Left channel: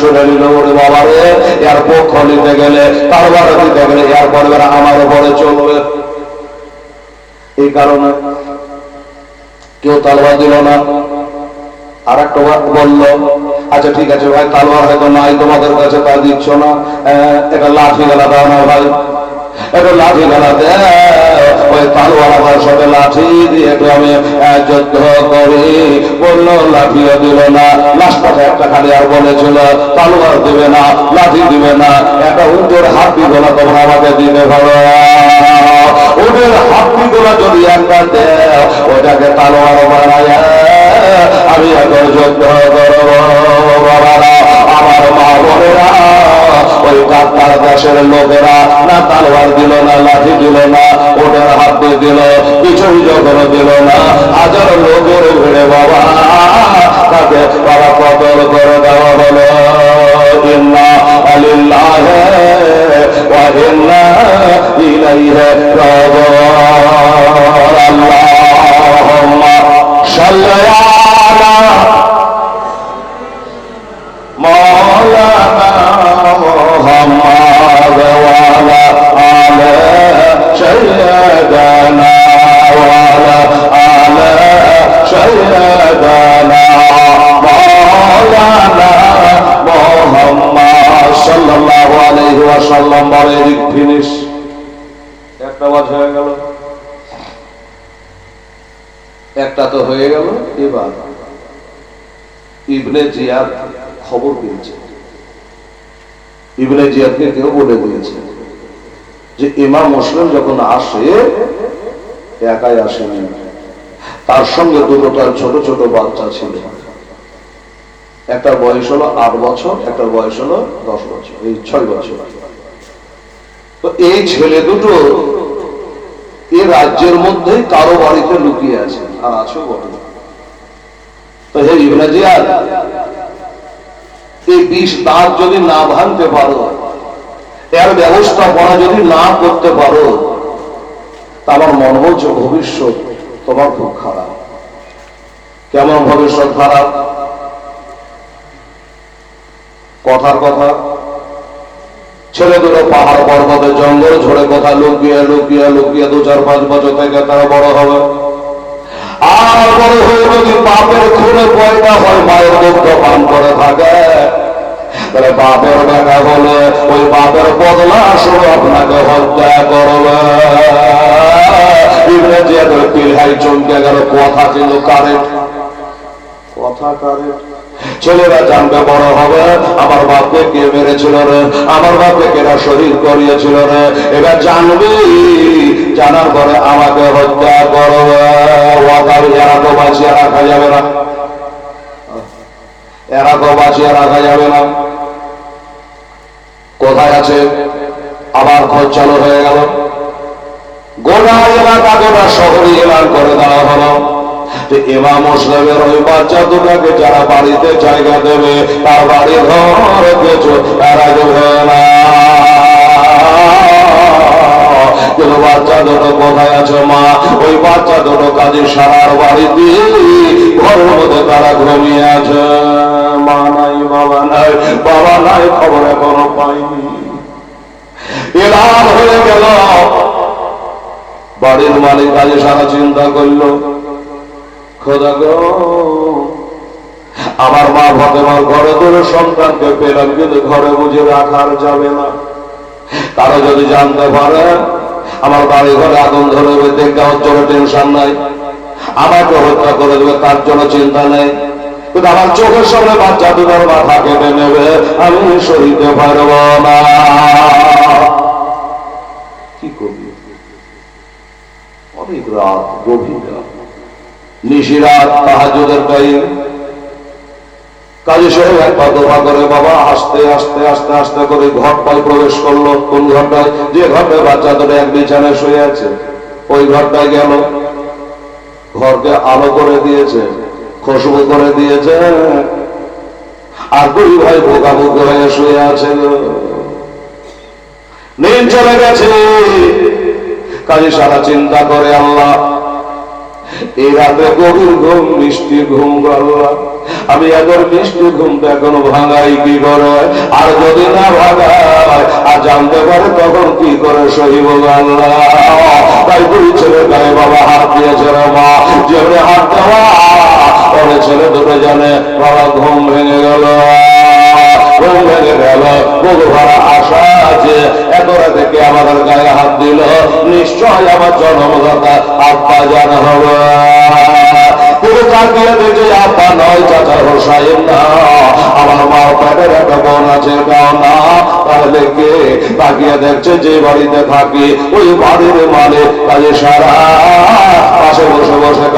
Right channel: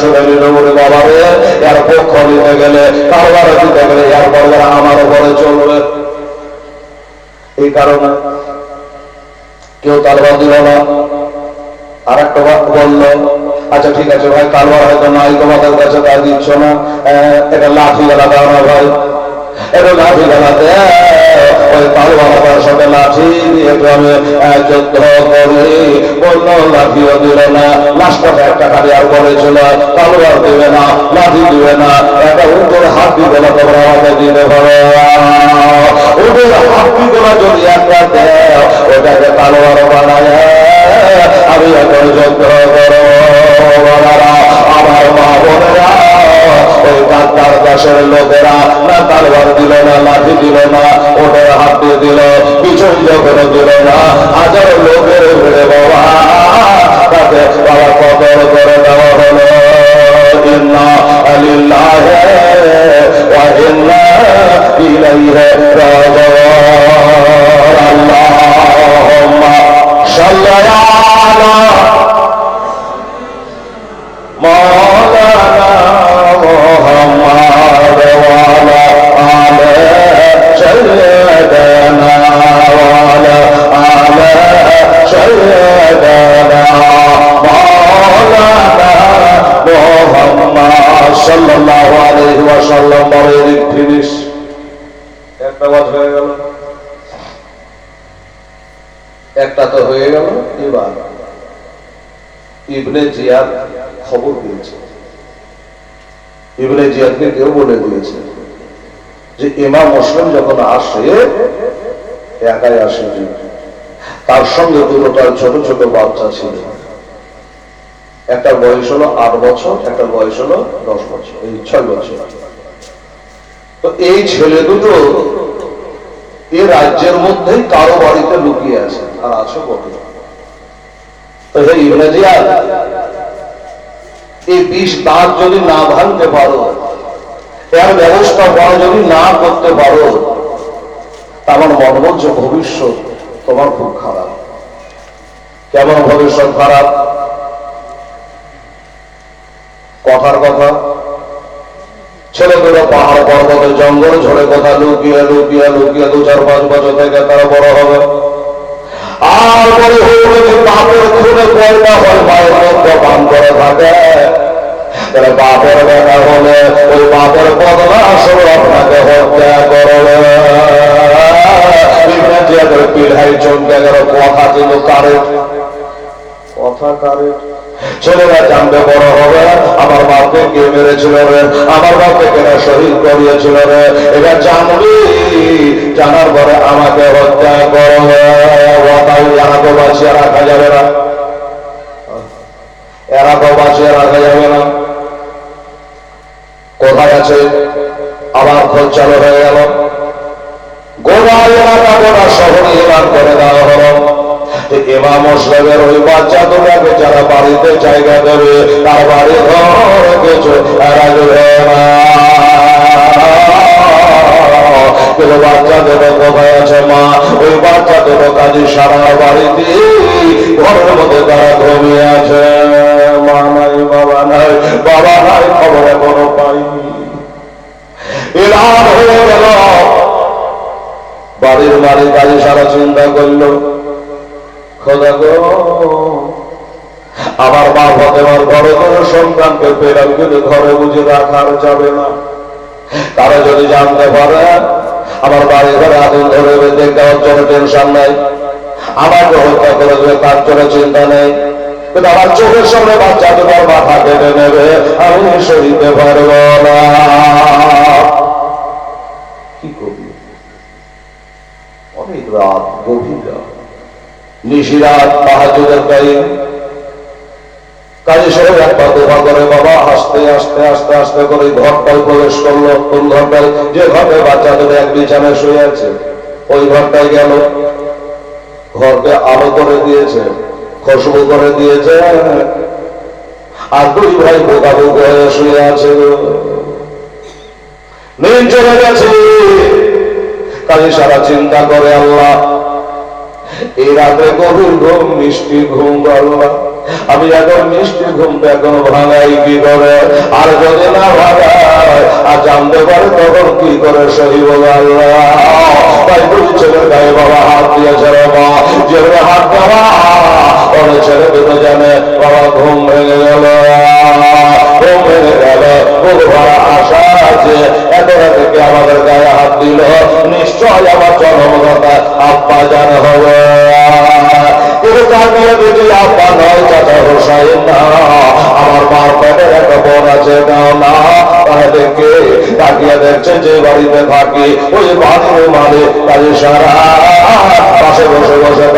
শুনে বাবা রে এর পক্ষ নিতে গেলে কারবার গেলে যারা আমার উপরে চলবে। এই কারণে কেউ তালবার দিল না। আর একটা বলল আচ্ছা ঠিক আছে ভাই, তালবার হয়তো নাই, তোমাদের কাছে তা দিচ্ছ না। এটা লাঠি গেলা দাও না ভাই। এটা লাঠি গেলা দে তালবার সাথে লাঠি দিয়ে আমি যুদ্ধ করি। বলল, লাঠিও দিল না। একটা খালি আর বলেছিল, কালোয়ার দেবে না, লাঠি দিবে না। একটা হাত দিবে না তোমরা আমাকে দিবে বলো দিবে যদি একটা দেয় ওটাকে কালোয়ার একাই আসেনি। তার সঙ্গে দুটোটা ছোট ছোট বাচ্চা ছিল। একটার বয়স হলো আট বছর একটার বয়স হলো দশ বছর, এই ছয় বছর। তো এই ছেলে দুটো এই রাজ্যের মধ্যেই কারও বাড়িতে লুকিয়ে আছে, আর আছে বড়। তো হে ইবনে জিয়াদ এই বিষ দাঁত যদি না ভাঙতে পারো, এর ব্যবস্থা করা যদি না করতে পারো আমার মনে হচ্ছে ভবিষ্যৎ তোমার খুব খারাপ। কেমন ভবিষ্যৎ খারাপ? কথার কথা। ছেলেগুলো পাহাড় পর্বত, জঙ্গল ঝরে কথা, লুকিয়ে লুকিয়ে লুকিয়ে দু চার, পাঁচ বছর থেকে তারা বড় হবে, আপনাকে হত্যা করবে। ইবনে জিয়াদের পিলহাই চমকে গেল কথা কিন্তু কারে? কথা কারে? ছেলেরা জানতে বড় হবে, আমার বাপকে কে মেরেছিল আমার বাপকে কেনা শহীদ করিয়েছিল এটা জানবি, জানার পরে আমাকে হত্যা করবে। বাঁচিয়ে রাখা যাবে না। এরা তো বাঁচিয়ে রাখা যাবে না। কোথায় আছে? আবার খোঁজ চালু হয়ে গেল। গোটা এলাকা গোটা শহরে এলাম করে দেওয়া হলো। এমা মুসলিমের ওই বাচ্চা দুটাকে যারা বাড়িতে জায়গা দেবে, তার বাড়ি ঘর কিছু তারা দেবে না। কোনো বাচ্চা দুটো কোথায় আছে, মা? ওই বাচ্চা কাজে সারা বাড়ি দিয়ে মধ্যে তারা ঘুমিয়ে আছে। মা নাই, বাবা নাই বাবা নাই, খবর এখনও পাইনি। হয়ে গেল বাড়ির মালিক কাজে সারা চিন্তা করল গো, আমার মা ফতেমার ঘরে কোনো সন্তানকে পেলাম কিন্তু ঘরে বুঝে রাখার যাবে না। তারা যদি জানতে পারে, আমার বাড়ি ঘরে আগুন ধরে দেখতে ওর জন্য টেনশন নাই, আমাকে হত্যা করে দেবে তার জন্য চিন্তা নেই। কিন্তু আমার চোখের সামনে বাচ্চা তোমার মাথা কেটে নেবে, আমি সইতে পারব না কি করবি অনেক রাত গভীর রাত নিশিরাত করে বাবা, আস্তে আস্তে আস্তে আস্তে করে ঘরটায় প্রবেশ করল। কোন ঘরটায় যে ঘরটায় বাচ্চা এক বিছানায় শুয়ে আছে। ওই ঘরটায় গেল। আলো করে দিয়েছে, খুশবু করে দিয়েছে। আর দুই ভাই বোকা বোকা হয়ে শুয়ে আছে নীল চলে গেছে। কাজে সারা চিন্তা করে আল্লাহ এই রাতে গভীর ঘুম, মিষ্টি ঘুম আল্লাহ আমি এখন মিষ্টি ঘুমটা এখন ভাঙাই কি করে? আর যদি না ভাঙায়, আর জানতে পারে তখন কি করে সহিব আল্লাহ তাই দুই ছেলে ভাই বাবা হাত দিয়েছে রে মা। যে হাত ধরা ওরে ছেলে দুটো জানে বাবা ঘুম ভেঙে গেল। ঘুম ভেঙে গেল বুক ভরা আশা আছে। এতটা থেকে আমাদের গায়ে হাত দিল। নিশ্চয় আমার জন্মদাতা আব্বা জানা হবে। আব্বা নয়, চাচা না আমার মা একটা বোন আছে না। দেখছে যে বাড়িতে থাকি। ওই বাড়ির কাজে সারা। পাশে বসে বসে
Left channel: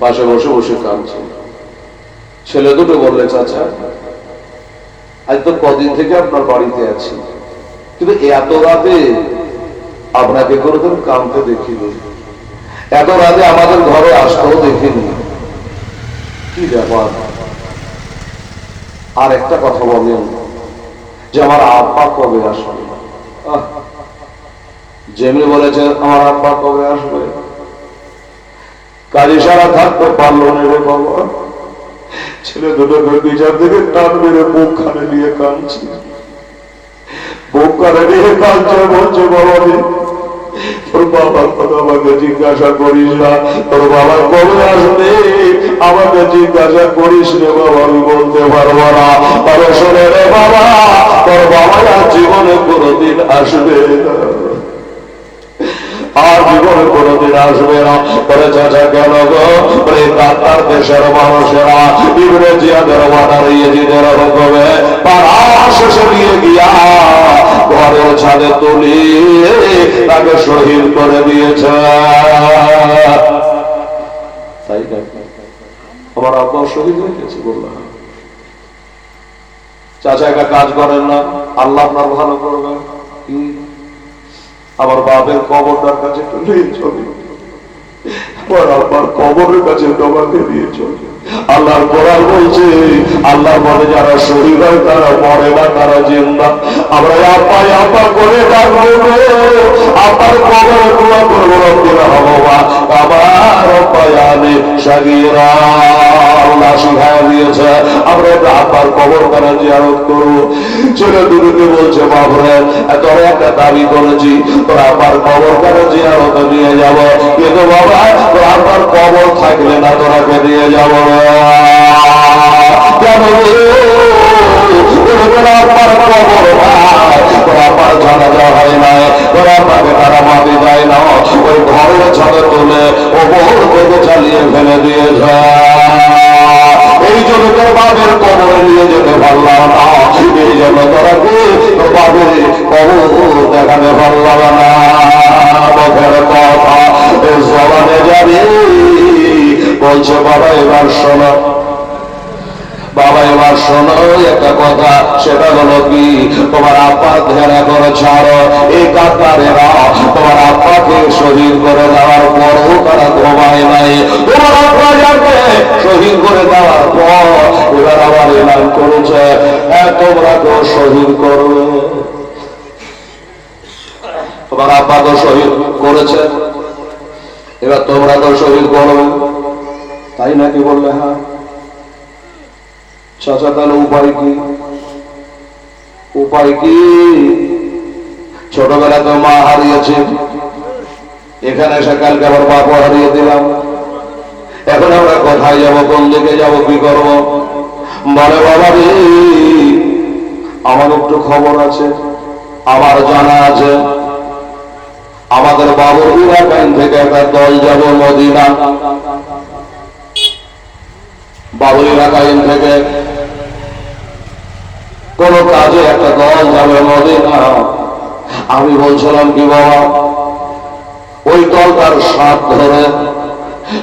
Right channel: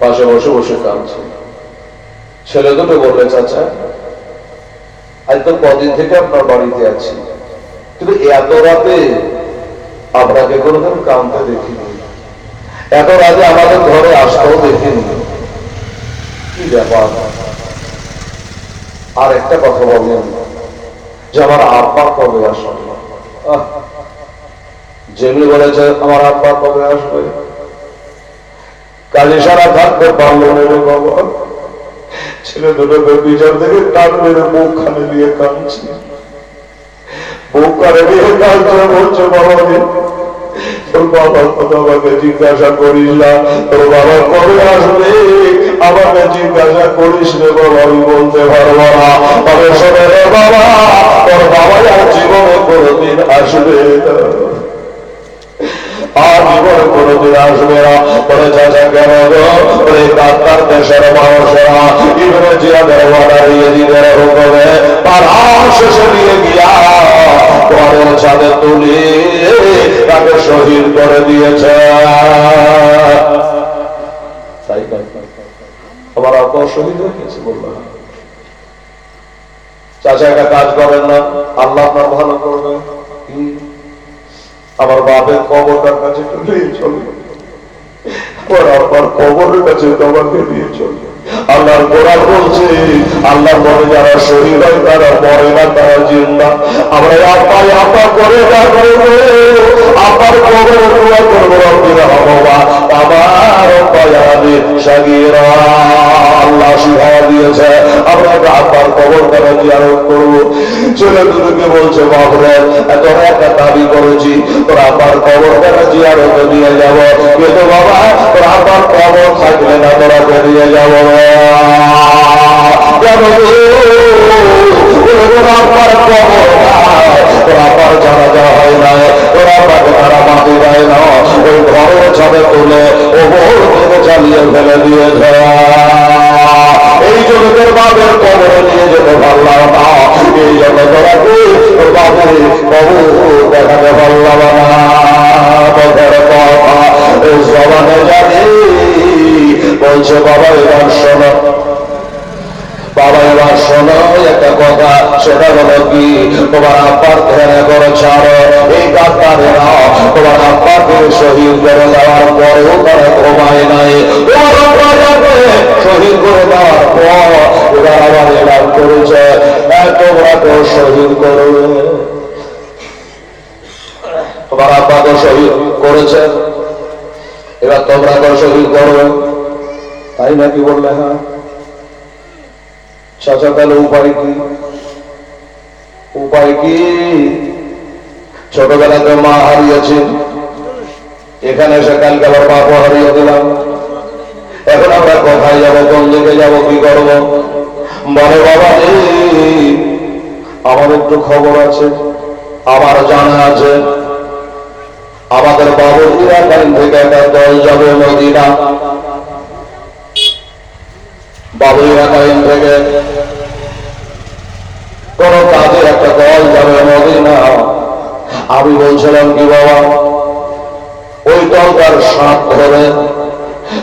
পাশে বসে বসে কাঁদছে। ছেলে দুটো বললে, চাচা আজ তো কদিন থেকে আপনার বাড়িতে আছি। কিন্তু এত রাতে আপনাকে কোনোদিন কামতে দেখিনি। এত রাতে আমাদের ঘরে আসতেও দেখিনি। কি ব্যাপার? আর একটা কথা বলেন, যে আমার আব্বা কবে আসবে? যেমনি বলেছে আমার আব্বা কবে আসবে? কাজে সারা থাকতে পারল না রে বাবা ছেলে দুটোকে বিচার থেকে টান মেরে দিয়ে কামছি বুক দিয়ে কালচে বলছে, বাবা তোর বাবা বাবাকে জিজ্ঞাসা করিস না বাবা আসবে। করিস বলতে বাবা জীবনে কোনোদিন আসবে না আর জীবন কোনদিন আসবে না বলে চাচা কেন গো ওই ডাক্তার দেশের মানুষরা ইংরেজিয়াদের অর্ডার ইয়েজিদের হুকুমে পাড়া শেষে নিয়ে গিয়া ঘরের ছাদে তুলি তাকে শহীদ করে দিয়েছে তাই না আমার আপনার শহীদ হয়ে গেছে বলল চাচা একটা কাজ করেন না। আল্লাহ আপনার ভালো করবে আমার বাপের কবরটার কাছে নিয়ে চলি। ওর আপনার কবরের কাছে তোমাকে নিয়ে চলি। আল্লাহর কোরআন বলছে, আল্লাহর মনে যারা শরীর হয়, তারা মরে না, তারা জিন্দা আমরা আপা আপা করে আপার কবর পুরা করব করে হব আমার পায়ালে সাগিরা আল্লাহ আমরা আপার কবর তারা জিয়ারত করব ছেলে দুটোকে বলছে বাবরে এত একটা করেছি, তোরা আমার কবর তারা জিয়ারত নিয়ে যাব? তোরা থাকলে না তোরাকে নিয়ে যাব না। কেন আমার কবর না আমার জানাজা হয় তারা দেয় না, ওই ঘরের ছাদে তুলে ও বহু থেকে চালিয়ে ফেলে জন্য তোর বাবের কবরে নিয়ে যেতে পারলাম না। এই জন্য তারা বাবের কবর দেখাতে পারলাম না। বছর কথা জানি, বলছে বাবা এবার শোনো বাবা এবার শোনো একটা কথা, সেটা হলো কি, তোমার আব্বার ধ্যান করে ছাড়ো, এই কাতারেরা তোমার আব্বাকে শহীদ করে দেওয়ার পরও তারা ঘুমায় নাই। তোমার আব্বা যাকে শহীদ করে দেওয়ার পর এবার আবার এলান করেছে। তোমরা তো শহীদ করো। তোমার আব্বাকে শহীদ করেছে। এবার তোমরা তো শহীদ করো। তাই নাকি বললে হ্যাঁ? চাচা তাহলে উপায় কি? উপায় কি? ছোটবেলাতে মা হারিয়েছে। এখানে এসে কালকে আবার বাবা হারিয়ে দিলাম। এখন আমরা কোথায় যাব, কোন দিকে যাব, কি করব? বলে বাবা রে আমার একটু খবর আছে, আমার জানা আছে। আমাদের বাবুরা টাইম থেকে একটা দল যাব মদিনা। বাবুরা টাইম থেকে কোন কাজে একটা দল যাবে মদিনা আমি বলছিলাম কি বাবা, ওই দলটার সাথ ধরে।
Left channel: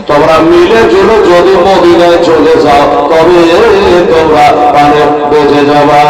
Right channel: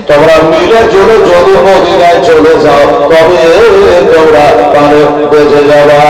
তোমরা মিলে চলে যদি মদিনায় চলে যাও, তবে তোমরা প্রাণে বেঁচে যাবা।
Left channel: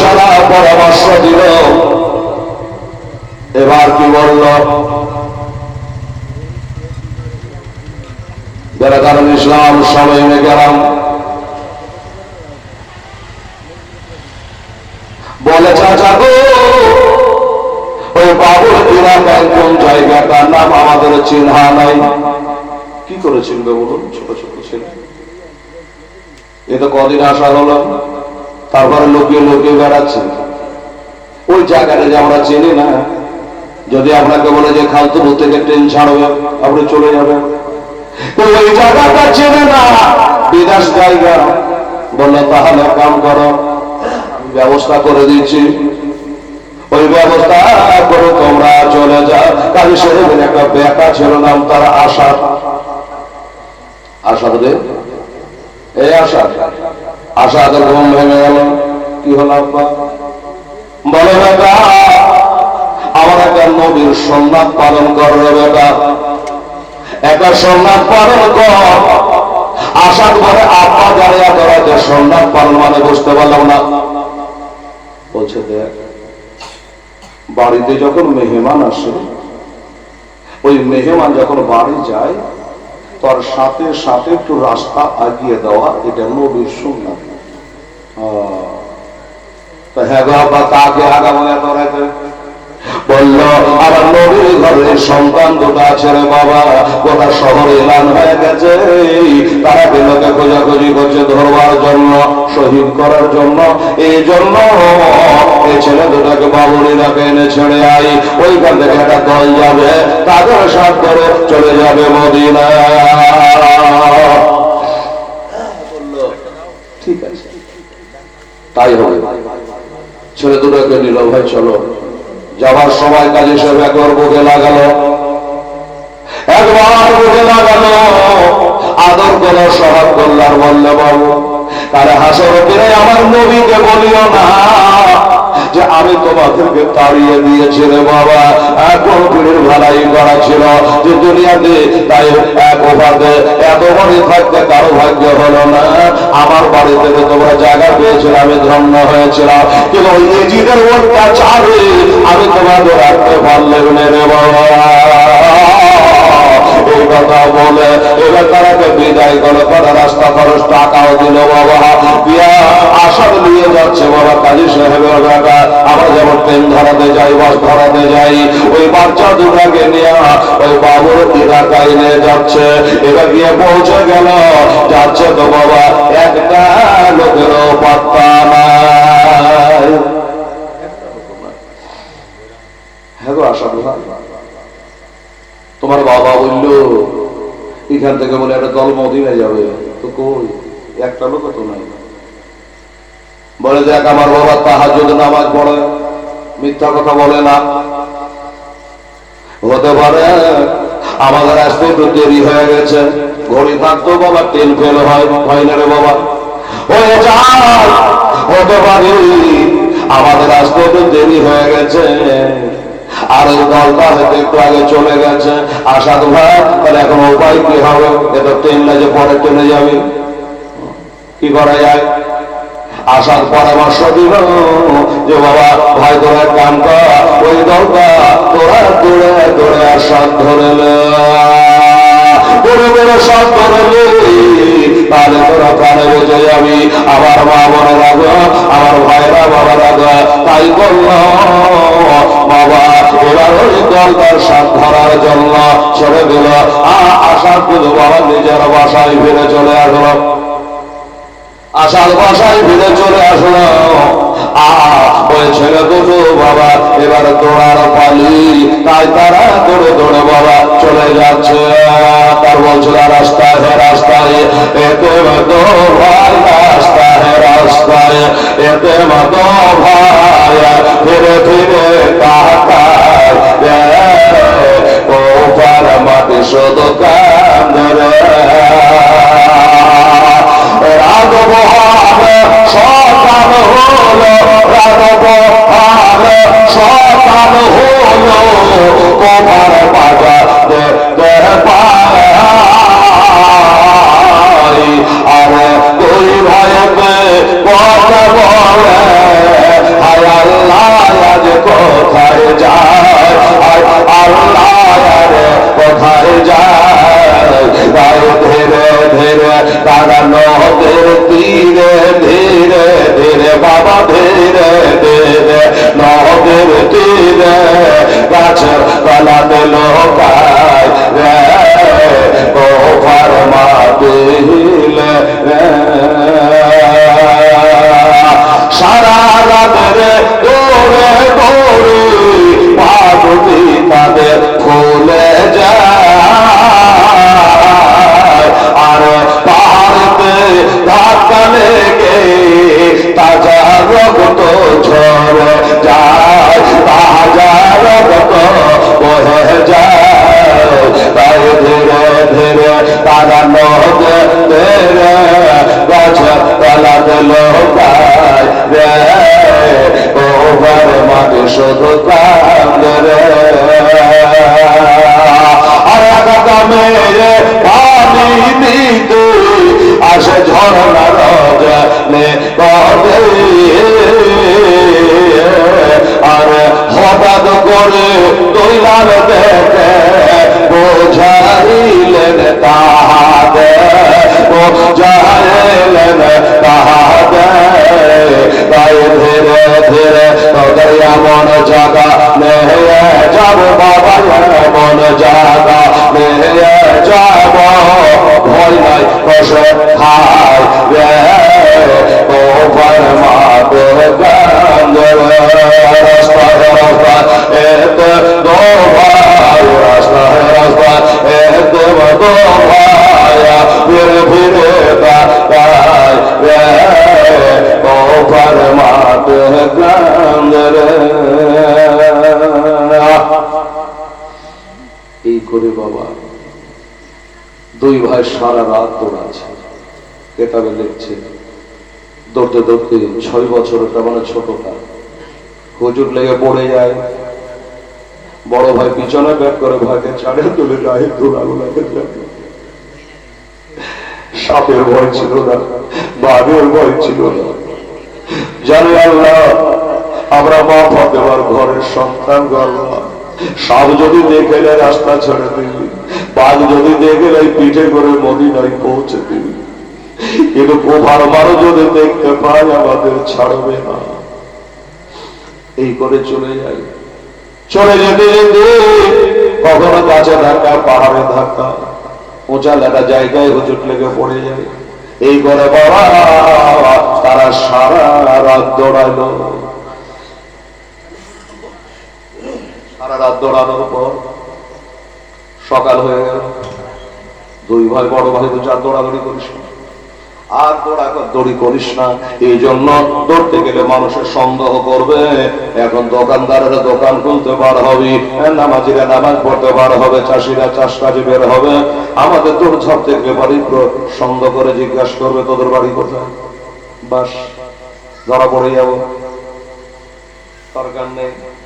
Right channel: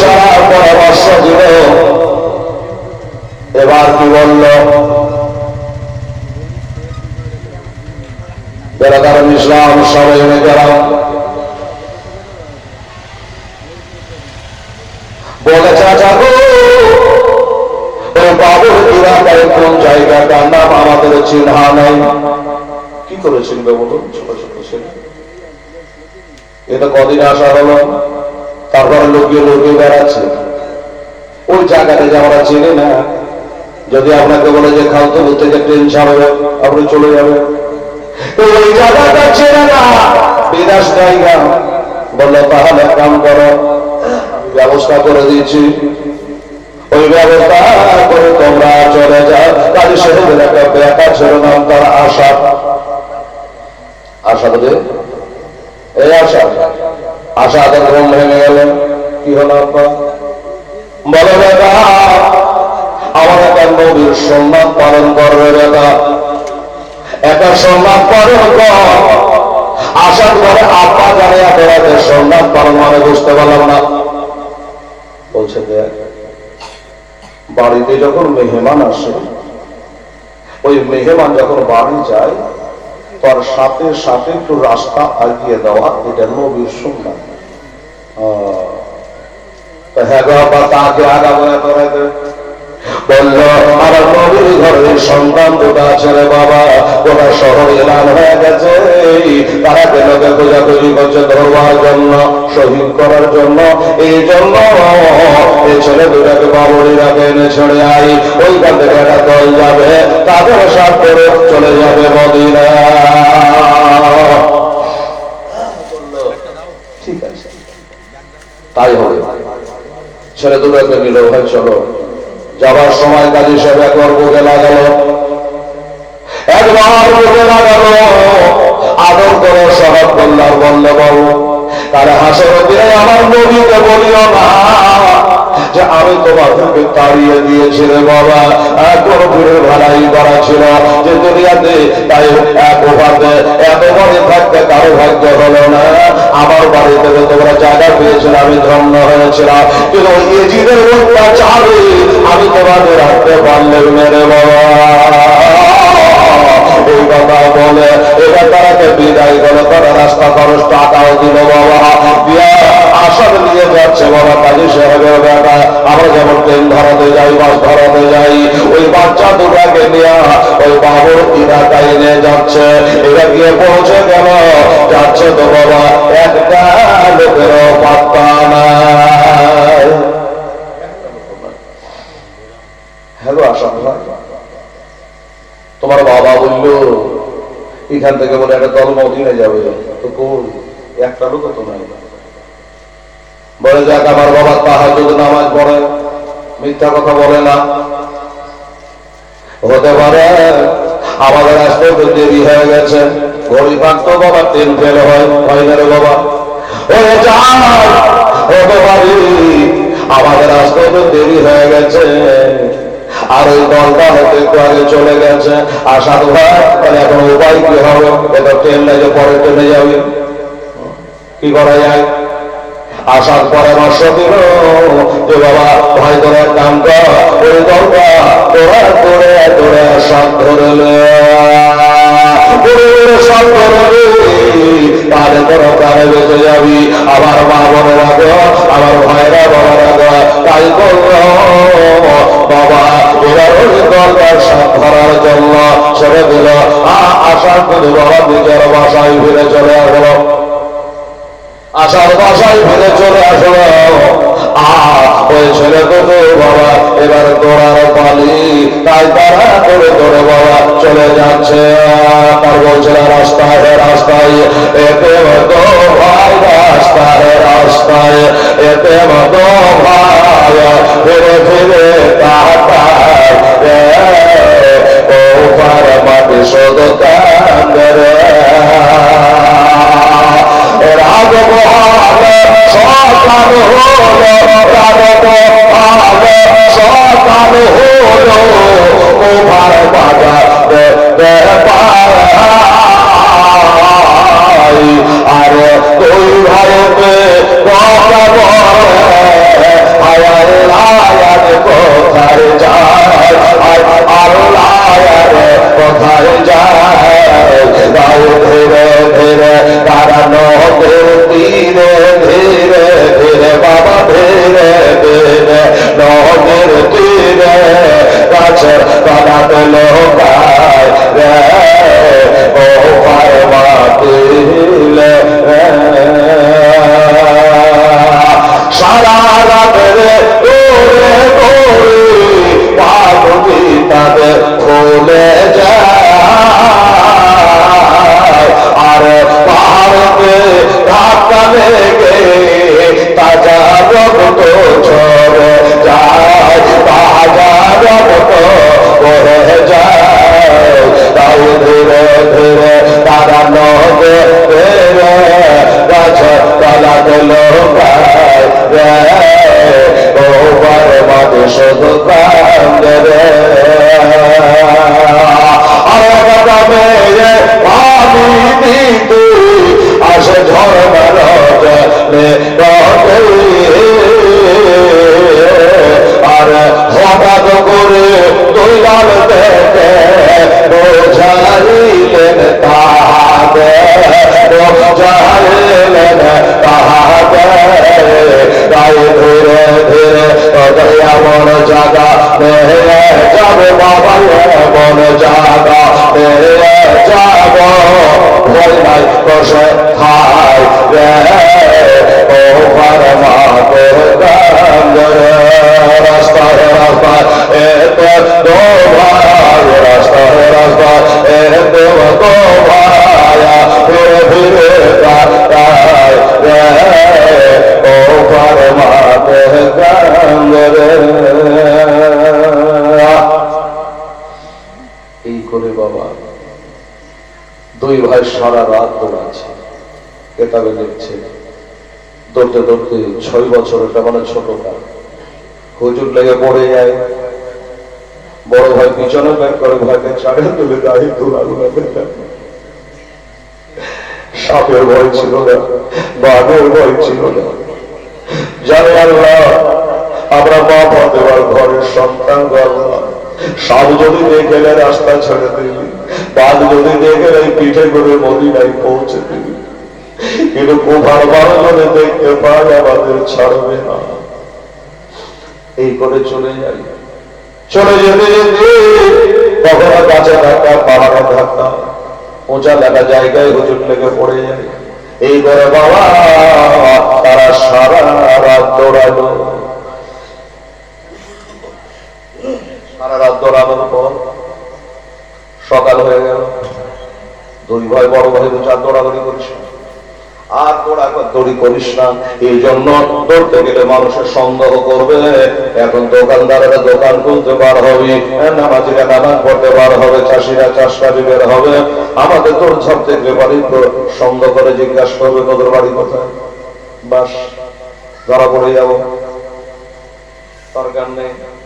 সারার পরামর্শ দিল। এবার কি বলল? যারা তারা ইসলাম সবাই গেলাম বলুন, ছোট ছোট ছেলে এ কদিন আসা হলো, তারপরে লোকে লোকে বেড়াচ্ছে। ওই জায়গাটা যে আমরা চিনি না, যদি আপনাকে বলে যে খালতবু থেকে ট্রেন ছাড়বে, আপনি চলে যাবেন। ওই জায়গাটা চেনে না, বিনাশ জায়গা। বলল তাহলে কাম করো, ব্যবস্থা করে দিচ্ছি। ওই ব্যবস্থা করে তোমরা চলে যাও। কালী শহরের একটা বেটা ছিল নাম তার আশা। আশা বোধে এই আশা। আশা আদের ঘুম ভেঙে গেল। কি হলো আপনার বলে বেটা, আমার একটা নদীর সন্ন্যাস পালন করবে বেটা। একটা সন্ন্যাস পালন কর। আসার পরে আপা দাঁড়িয়ে করাতে সন্ন্যাস পালন মানে বুঝতে পারলাম না। বলছে বাড়িতে যখন মেহমান আসে, ওই মেহমান যখন বাড়ি যায় তার সাথে সাথে একটু রাস্তা আগিয়ে দেওয়া, এটা নবীর সুন্দর হ্যাঁ আগে করে দে বলল নবীর ঘরের সন্তান দুটা আছে বাবা গোটা শহরে এলান হয়ে গেছে, তারা কেনকে খোঁজাখুঁজি করছে ধরবার জন্য, শহীদ করার জন্য? এই জন্য এই ছেলে দুটাকে বাবুড়িরাকে এনে ছেড়ে আই। ওইখান থেকে একটা দল যাবে, তাদের সাথ করে চলে যাবে মদিনা। ঠিক আছে। তাই হবে। ছেলে দুটোকে নিল ভাই চলো। যাবার সময় কাজী সব একবার বুকে লাগালো। একবার বুকে লাগালো। আদর করে স্বভাব করলাম বলল বাবু তারা হাসর আমার নদীকে বলিও না। যে আমি তোমাদেরকে তাড়িয়ে দিয়েছি রে বাবা। কোনো ফিরে ভাড়াই করা ছিল যে দুনিয়াতে তাই এক উপাতে এত বাড়ি থাকতে কারও ভাগ্য হলো না। আমার বাড়ি থেকে তোমরা জায়গা পেয়েছিল, আমি ধন্য হয়েছিলাম। কিন্তু ওই এজিদের চাবে আমি তোমাদের রাখতে পারলে রে বাবা। এই কথা বলে, এবার তারাকে বিদায় করে তারা রাস্তা খরচ টাকাও দিল বাবা আসাদ নিয়ে যাচ্ছে বাবা কাজী সাহেবের বেটা আমরা যেমন ট্রেন ধরাতে যাই, বাস ধরাতে যাই, ওই বাচ্চা দুটাকে নিয়ে, ওই বাবুর এলাকায় নিয়ে যাচ্ছে। এবার গিয়ে পৌঁছে গেল। যাচ্ছে তো বাবা একটা লোকেরও পাত্তা নাই। হ্যাঁ গো তোমার বাবা বলল, এখান থেকে বলে একটা দল মদিনে যাবে। তো কই? একটা লোক তো নাই? বলে, দেখ, আমার বাবা তাহার যদি নামাজ পড়ে। মিথ্যা কথা বলে না। হতে পারে আমাদের আসতে তো দেরি হয়ে গেছে। ঘড়ি থাকতো বাবা, তেল ফেল হয় হয় রে বাবা। ও যাও। হতে পারি আমাদের আসতে তো দেরি হয়ে গেছে। আর এই হয়তো একটু আগে চলে গেছে। আসার ভাই, তাহলে এখন উপায় কি হবে? এটা ট্রেন যে পরে চলে যাবে। কি করা যায়? আসার পরামর্শ দিল যে বাবা, ভাই তোরা কাম কর ওই দরকা তোরা দৌড়ে দৌড়ে আসার ধরে সব ধরে তাহলে তোরা কানে যাবি। আমার মা মনে রাখো, আমার ভাইরা বাবা রাখো, তাই করল। বাবা দরকার কোনো নিজের বাসায় ফিরে চলে আসলো আসার বাসায় ফিরে চলে আসলো ওই ছেলে দুটো বাবা এবার দৌড়ার পালি তাই তারা করে দৌড়ে বাবা চলে যাচ্ছে তার বলছিল রাস্তায় রাস্তায় এতে ভাই রাস্তায় রাস্তায় এতে মতো ভাই ফিরে ফিরে তাকায় ও পার মাটি সব রাজব সকাল হলো তোমার বাজার ভুলে এই করে বাবা, দুই ভাই সারা রাত দৌড়াচ্ছে কেতাবে লিখছে দৌড়তে দৌড়তে ছয় বছর মানে ছোট হুজুর লেগে পড়ে যায়। বড় ভাই পিছনে ব্যাগ করে ভয়কে ছাড়ে তুলে গায়ে তোলালো সাপের ভয় ছিল না, বাঘের ভয় ছিল না। জানি আল্লাহ আমরা মা ফতেমার ঘরের সন্তান সাপ যদি দেখেলে রাস্তা ছেড়ে দিবি। বাঘ যদি দেখেলে এই পিঠে করে মদিনায় পৌঁছে দিবি। কিন্তু কোপার বারো যদি দেখতে পাই আমাদের ছাড়বে না। এই করে চলে যাই। চলে যেতে যেতে কখনো কাছে ধাক্কা, পাহাড়ে ধাক্কা। উঁচা লেখা জায়গায় হুজুর লেগে পড়ে যায়। এই করে বাবা, তারা সারা রাত দৌড়ালো পর সকাল হয়ে গেল। দুই ভাই, বড় ভাই দৌড়াদৌড়ি করিস। আর করিস না। এই জন্য গেলে মানুষের সন্দেহ করবে। এখন দোকানদারেরা দোকান খুলতে বার হবে। নামাজিরা নামাজ পড়তে বার হবে, চাষিরা চাষ কাজে বের হবে। আমাদের তোর সব থেকে বাড়ি সন্দেহ করে জিজ্ঞাসা করবে, তোদের বাড়ি কোথায়? বাস, ধরা পড়ে যাব। দরকার নেই।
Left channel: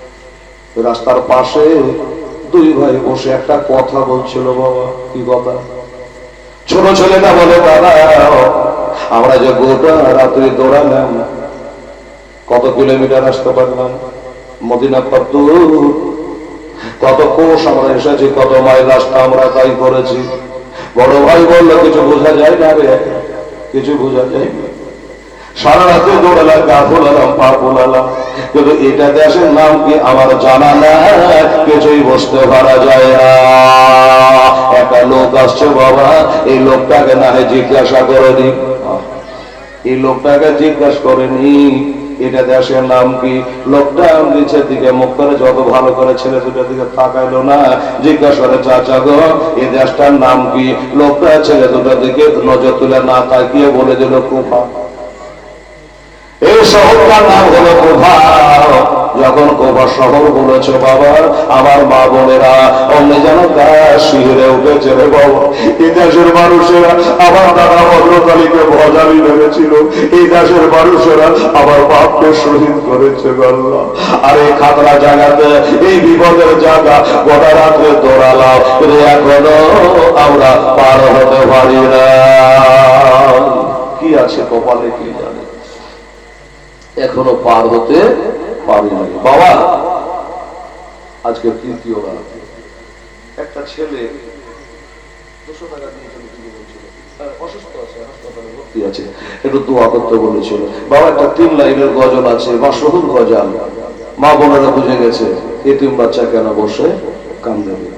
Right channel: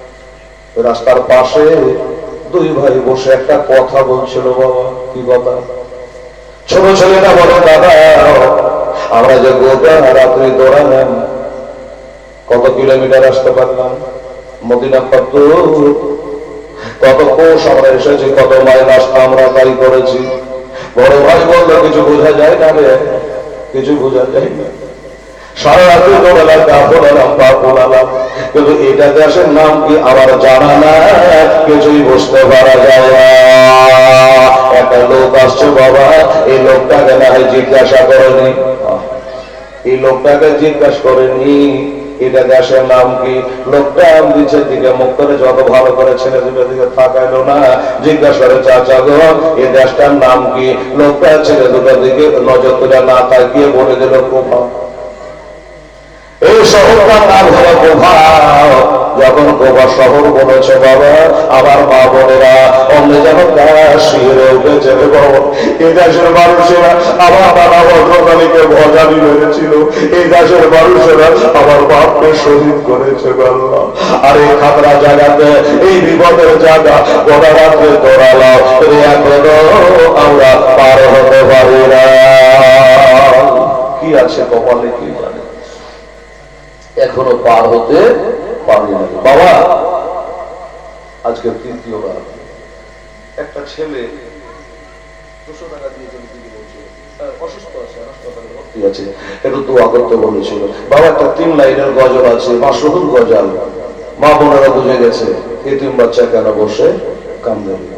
রাস্তার পাশে দুই ভাই বসে একটা কথা বলছিল, বাবা, কি কথা? ছোট ছেলেটা বলে দাদা আমরা যে গোটা রাত্রে দৌড়ালাম, কত কিলোমিটার আসতে পারলাম? মদিনা কত কত কোষ আমরা এসেছি, কত মাইল রাস্তা আমরা তাই করেছি? বড় ভাই বলল, কিছু বোঝা যায় না রে, কিছু বোঝা যায় সারা রাত্রি দৌড়ালাম, গা পোড়ালাম পা পোড়ালাম এটা দেশের নাম কি আমার জানা না কিছুই বুঝতে পারা যায় না। একটা লোক আসছে বাবা, এই লোকটাকে না হয় জিজ্ঞাসা করেনি। এই লোকটাকে জিজ্ঞাসা করেনি, এটা দেশের নাম কি? লোকটা নিচের দিকে মুখ করে যত ভালো করে ছেলে দুটোর দিকে তাকাইলো না, জিজ্ঞাসা করে, চাচা গো এই দেশটার নাম কি? লোকটা ছেলে দুটোর দিকে নজর তুলে না তাকিয়ে বলে দিল কোফা এই শহরটার নাম হলো কোফা যখন অথবা শহর বলেছে, বাবা, আমার মা বোনেরা অন্য যেন শিহরে উঠেছে রে বাবা। এই দেশের মানুষেরা আমার বাবা ভদ্রকালীকে ভজালি মেরেছিল এই দেশের মানুষেরা আমার বাপকে শহীদ করেছে গল্লা আর এই খাতরা জায়গাতে, এই বিপদের জায়গা, গোটা রাত্রে দৌড়ালাম এখনও আমরা পার হতে পারি না। কি আছে, কপালে কি জানে? এখনও পার হতে পারি না। বাবা! আজকে তৃতীয়বার একটা ছেলে দুশো টাকা দিয়েছিল দিদি বলছিল। অসুস্থ আছে হাসপাতালে ভর্তি আছে। একটু দোয়া করতে বলেছিল। বাবা একটা তিন লাইনের গজল আছে মাসহুল গজল। মা বোনেরা বুঝে গেছে এতিম বাচ্চা কেন বসে কান্দে?